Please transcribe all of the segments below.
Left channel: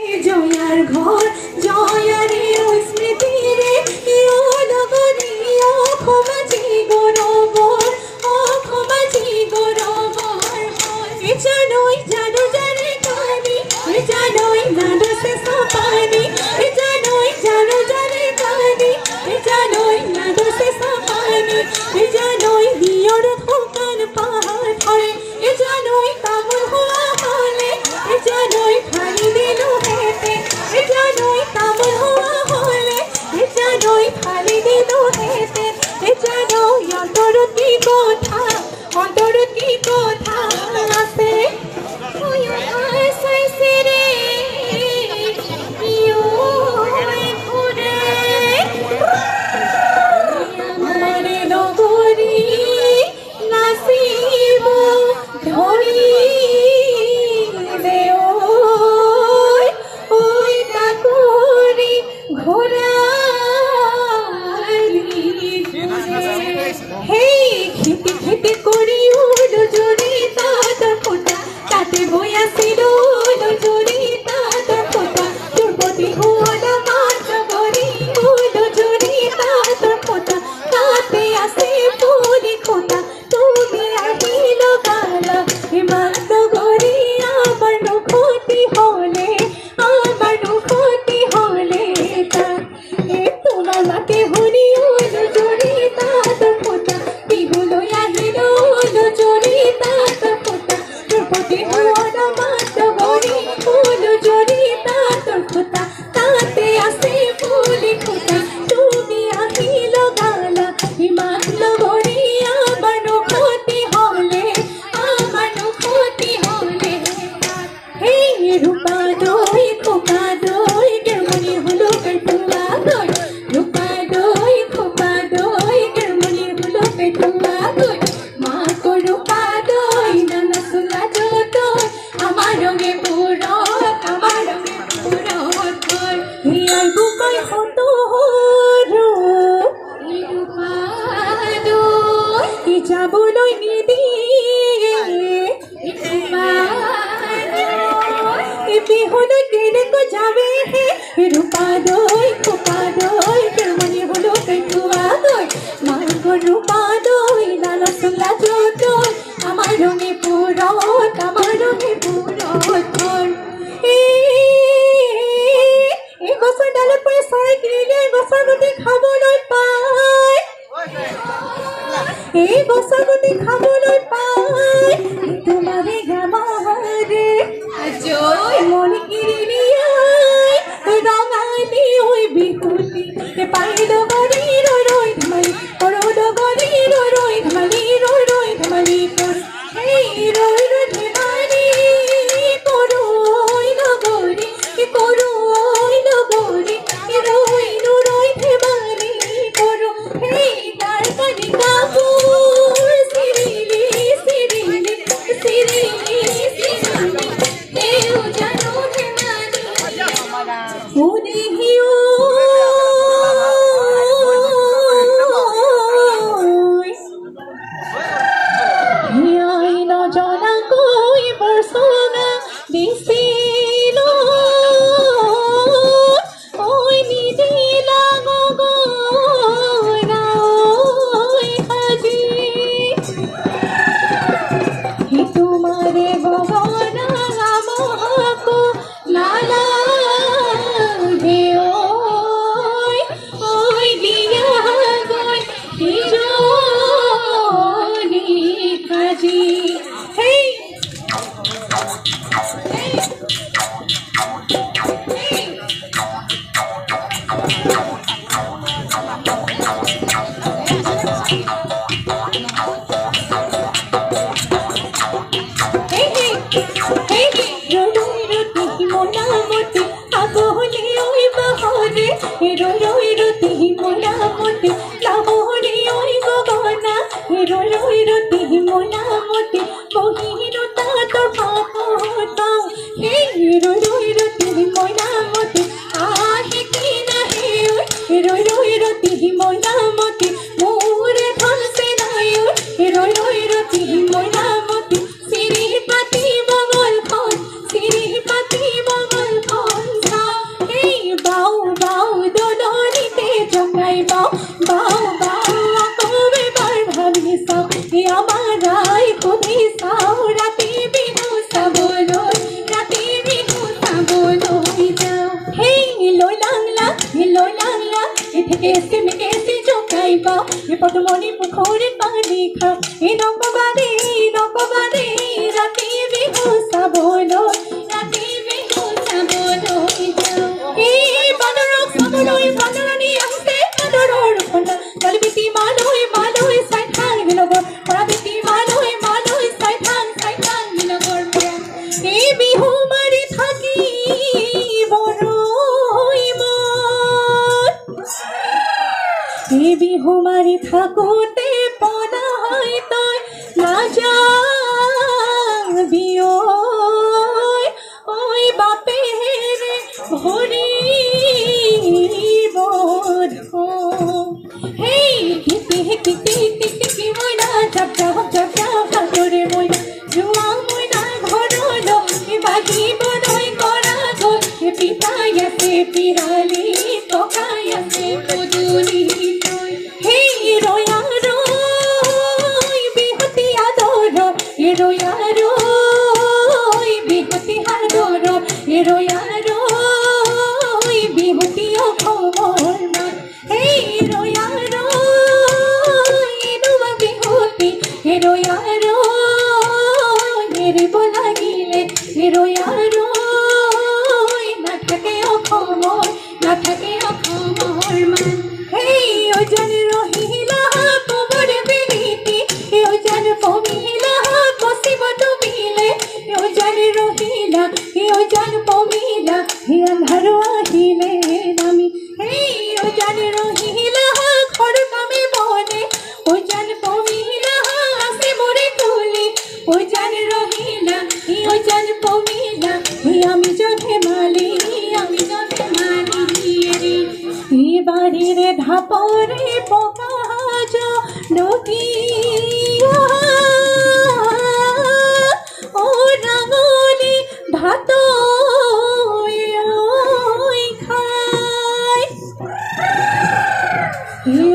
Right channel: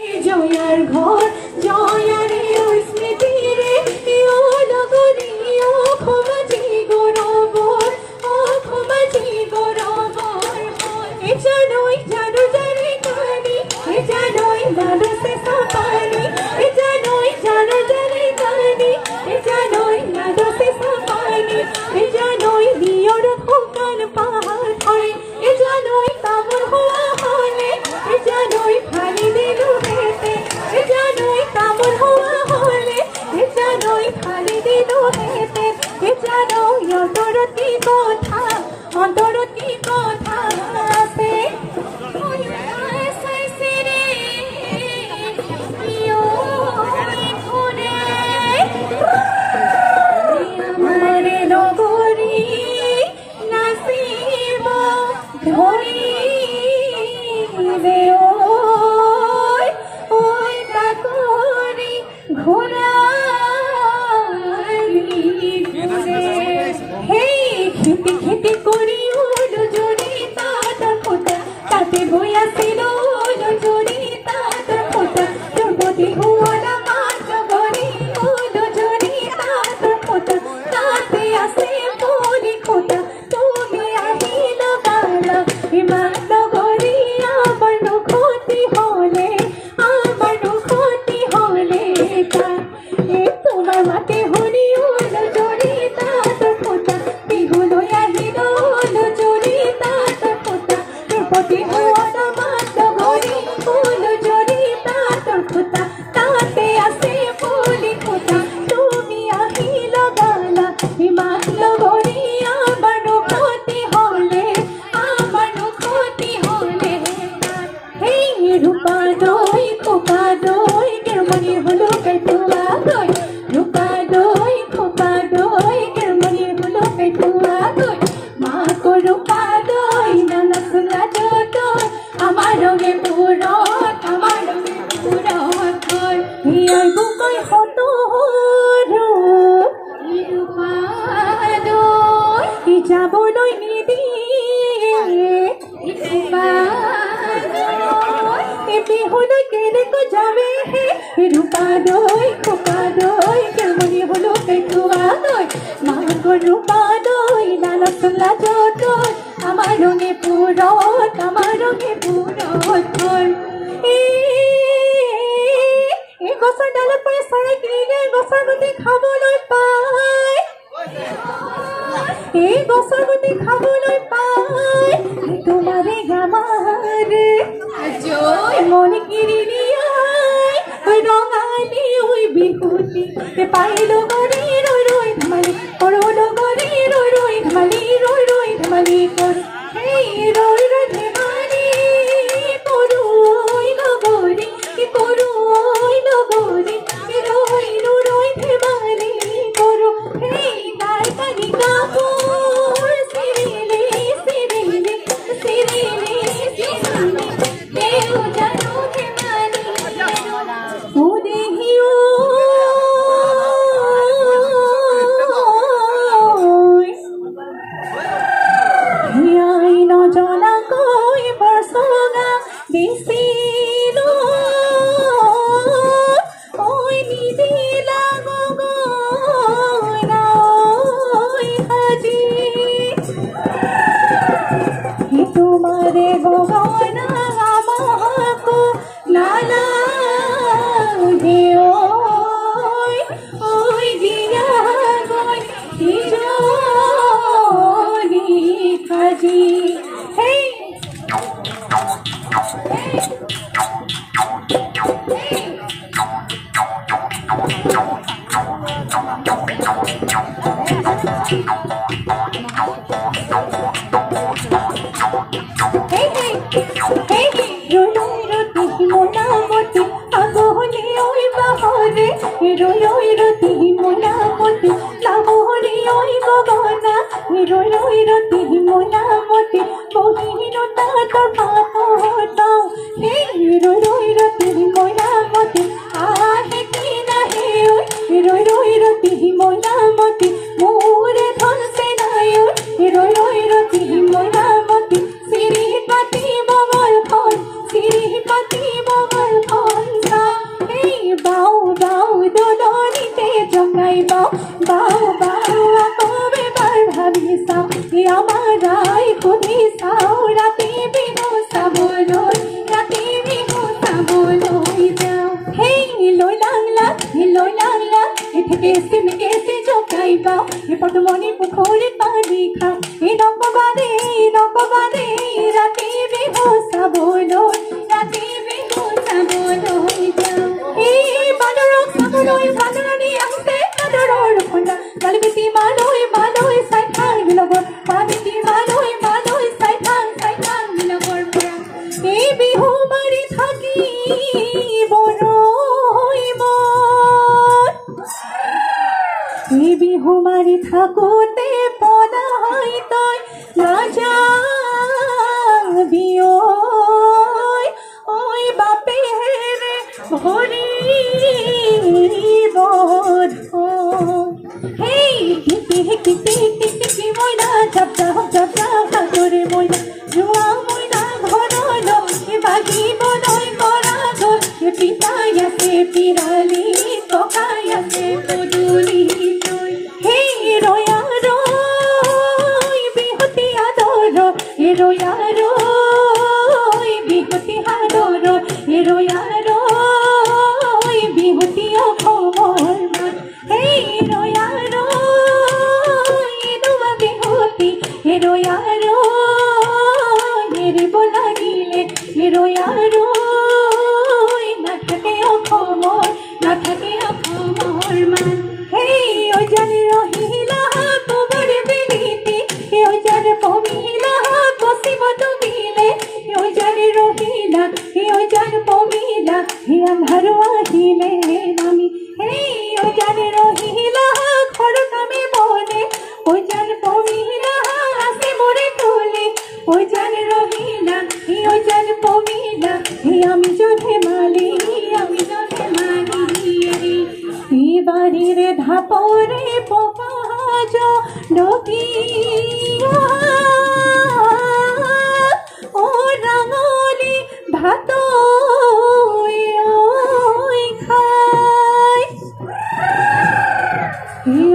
জয়ার ঘর জয়ারে স্মৃতি রে ও নগরী ও খোমাজি গরবর ও খোমাজি গরবর এ জানোই জানো জানে কানি এ জানোই জানো সে সাপানি এ জানোই জানো জানে কানি এ জানোই জানো সে সাপানি এ জানোই দিয়র খোকন পাহাড় ধরে এ জানোই তামর হওয়া হলে এ জানোই ফালি দিলু হেতে এ জানোই তামর হওয়া হলে এ জানোই ফালি দিলু হেতে এ জানোই অন্তর কি কথা আছে খেতে করি উলো জোরে তাতা ফোটা তাতে বইয়া ছিল উলো জোরে তাতা ফোটা দ্রৌপদী হওয়ার মাত্র করি উলো জোরে তাতা ফোটা তাতে আসে পুরি খোটা তুমি আহিল বালা হিমান্ত গরি আমার ক্ষতি হলে এ তোমার মাতে হরি উলো জোরে তাতা ফোটা বিগুলো আহিল উলো জোরে তাতা ফোটা দ্রৌপদী হওয়ার মাত্র করি উলো জোরে তাতা ফোটা তাতে আসে পুরি খোটা তুমি আহিল বালা হিমান্ত গরি আমার ক্ষতি হলে হে রূপা দই খোপা দই কেমনি হলো পেটুয়া দই রূপা দই খোপা দই কেমনি হলো পেটুয়া দই মা কো রূপা দই নানা সুলা দই আমার রঙে পুরো ধর হিয়াই বুকাই হতো রো রূপা দই ই যাবো দই নিদি বিহুনো কেড়ে তো যাবে রূপা দই খোপা দই কেমনি হলো পেটুয়া দই মা গো রূপা দই লালা সুলা দই আমার রঙে পুরো ধর এ গছা ডালত পরে চৰাই কিনিলে গছৰ গুটি খাবলৈ পায় এই গছৰ গুটি খাবলৈ পায় তোমাৰে গামাৰে জয় মন কিৰিলিয়াই ৰঙালী হৈ বিহুতি পাইলো গৰি ৰৈ ধেমালি কৰলো গৰি ৰৈ ধেমালি কৰ এই ৰৈ ধেমালি কৰৈ নগৰি ৰৈ ধেমালি কৰ সেই তাৰ কানি কাপোৰ চিৰিলি দেও জানো ধেমালি ও দেহিও হিয়াই নজনা কৈ বৰচনা দিছিল ঐ নিদিলা গগৈ আজি হি তোমাৰে গগনা আমাকো লালা ঐ দিয়া গৈ হিজনি আজি হেই রতি মোনামতি আগহলি ওই বাহরে রতি মোনামতি লামহরি ওই গগনা রতি মোনামতি বহিরতা তোর পাতাও হে রতি মোনামতি আহে কি নাহে রতি মোনামতি মোরে ধনসে নাই রতি মোনামতি সিরি পাতি বগল ফল সিরি পাতি বগল ফল কেছে জকাইবা পদমণি পুখুৰী পানী খা নকবাৰে ৰাতি বিহু চাবলৈ যাওঁ বাদৰক চাবলৈ বাদৰাণী আহিছে বাদৰৰ খন্দা গালবিটি মালৈ চাই থাং বিলগৰ পৰা বিটি মালৈ চাই থাং বিলগৰ পৰা এই বিহু মাৰি থাকি এই বিহু মাৰি থাকোঁতে পলাই তই নাযাবি ঐ বাপেৰে ভৰিব হেই টিকি মইনা জাপা হাতৰে মইনা যোৱা মইনা ঘৰলৈ বাগিবলৈ কৰা গৈ পিতাই আছে পিৰালি ককাই আছে পদূলি বিহুতি অসমৰ মান বিহুতি এৰিব লাগিলে নাথাকে অসমৰ মান ওজন ৰহিলা কোমৰ বিলিতি ওজন পমিলা কচিব তুমিলে ওজন ৰহিলা ওজন পমিলা আন্ধাৰ আহিলে নামি ওজন ৰহিলা ঘৰ কামে বনে ওজন পমিলা আছে মৰে তুলি ওজন ৰহিলা ওজন পমিলা আমি জধে মালি বাড়িৰে ধাপৰে পকাজ নদী ও ৰাঙলি ভাত খায়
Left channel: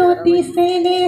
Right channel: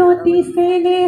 অতি সেনে